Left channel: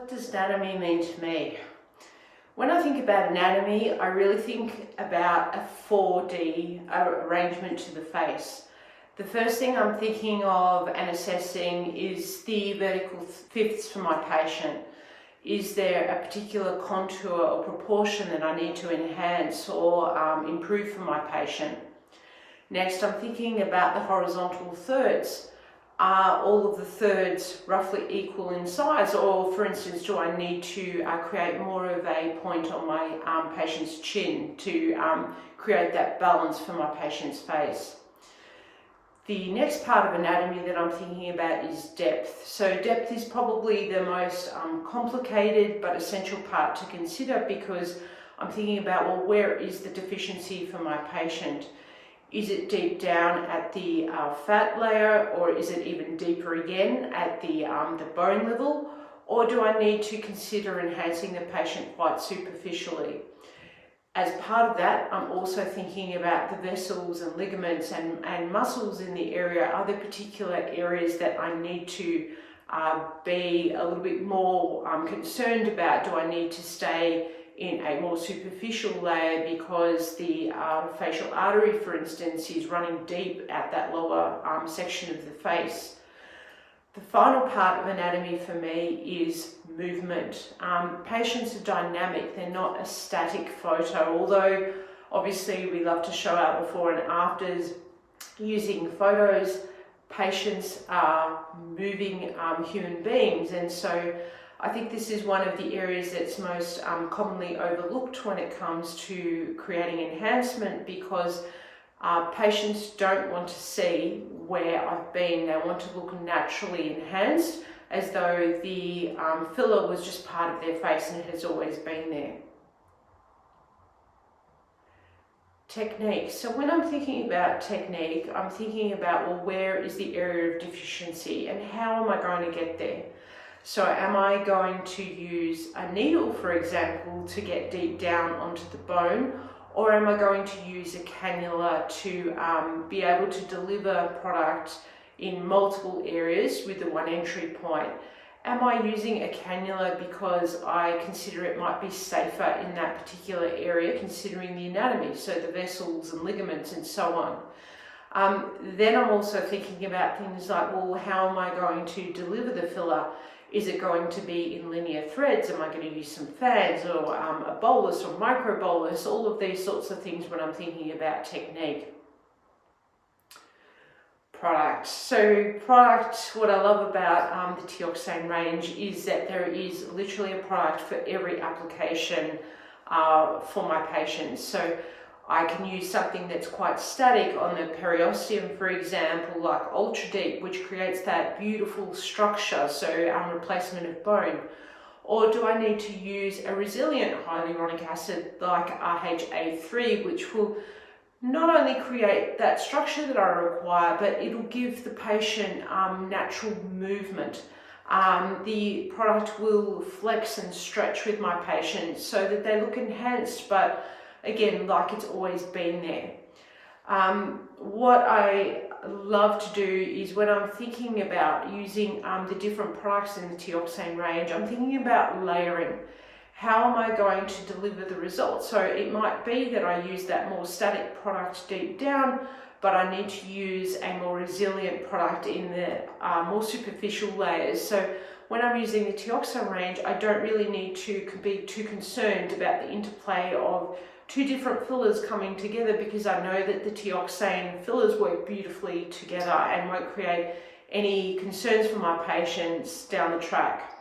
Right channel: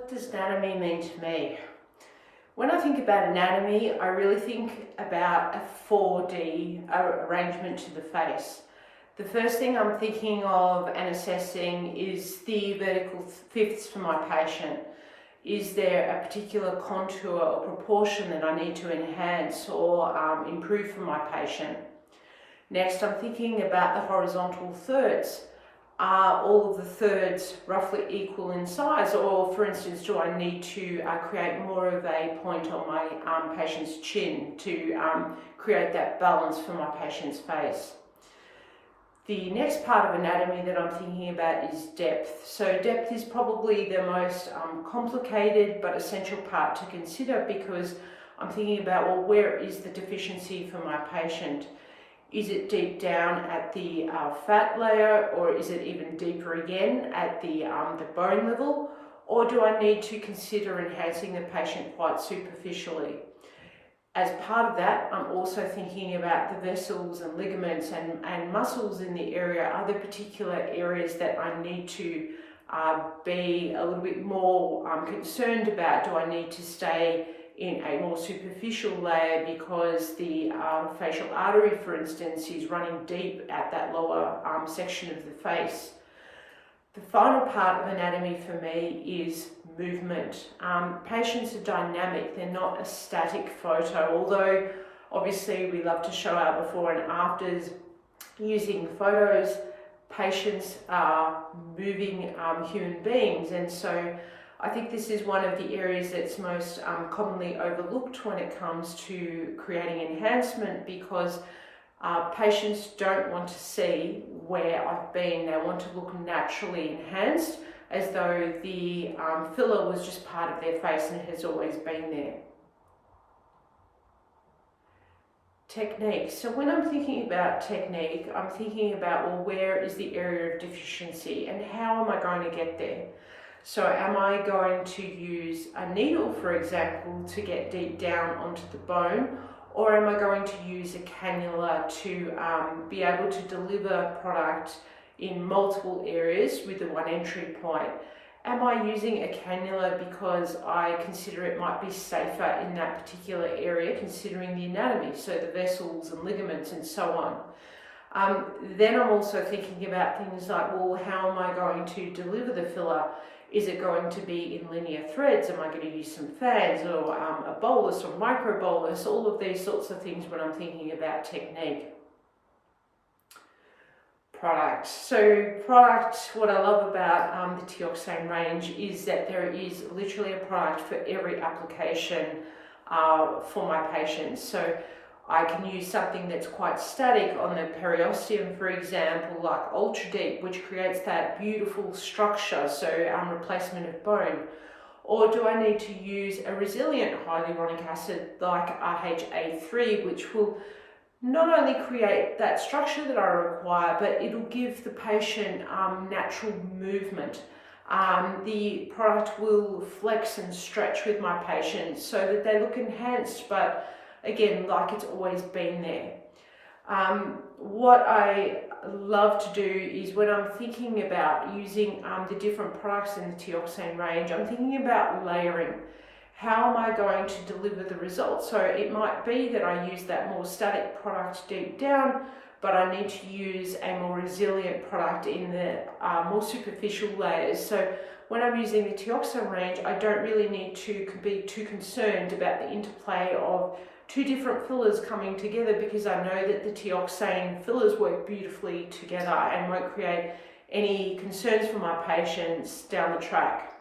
What does anatomy mean to me? When I think about anatomy, I really think about a 4D arrangement to the face. The first thing I'm thinking of and assessing is the vertical fifths for my patient. Is there a particular contour or proportion that I need to enhance or improve for my patient? Next, I'm thinking about the horizontal thirds. Are all of the thirds roughly equal in size, or for instance, do I need to create more of a point on my patient's chin to create that balance for my patient's face? The next part of anatomy that I'm thinking about is depth. So depth is probably the most complicated but essential part to consider, because I'm thinking about, well, where is the deficiency for my patient? Is it deep down at the fat layer, or is it even deeper again at the bone level? Or do I need to consider enhancing the patient quite superficially? As part of that, I'm also thinking about the vessels and ligaments and muscles in the area. Are there particular areas that I need to be a little bit more concerned about? Do I need to stay in a more superficial layer because the facial artery, for instance, is running deep at that lower section of the face? The final part of anatomy for me is movement. Patients are dynamic, they're not a static photo, although obviously we love to show our before and afters using photos. Patients are moving human beings, and so I think this is one of the areas that's most commonly overlooked when it comes to creating enhancement, because patients don't want to see where I've been. They want to look naturally enhanced, as though the filler was just part of their face and it has always been there. Technique. So when I'm thinking about technique, I'm thinking about, well, where is the area of deficiency and how am I going to get there? So am I going to use a needle, for example, to get deep down onto the bone, or am I going to use a cannula to be able to deliver product in multiple areas with the one entry point? Am I using a cannula because I consider it might be safer in that particular area, considering the anatomy, so the vessels and ligaments and so on? Then I'm also thinking about things like, well, how am I going to deliver the filler? Is it going to be in linear threads? Am I going to use some fans or a bolus or micro bolus? All of these sorts of things when I'm thinking about technique. Product. So product, what I love about the Teoxane range is that there is literally a product for every application for my patients. So I can use something that's quite static on the periosteum, for example, like Ultra Deep, which creates that beautiful structure, so replacement of bone. Or do I need to use a resilient hyaluronic acid like RHA3, which will not only create that structure that I require, but it'll give the patient natural movement. The product will flex and stretch with my patients so that they look enhanced, but again, like it's always been there. What I love to do is, when I'm thinking about using the different products in the Teoxane range, I'm thinking about layering. How am I going to deliver the results? So it might be that I use that more static product deep down, but I need to use a more resilient product in the more superficial layers. So when I'm using the Teoxane range, I don't really need to be too concerned about the interplay of two different fillers coming together, because I know that the Teoxane fillers work beautifully together and won't create any concerns for my patients down the track.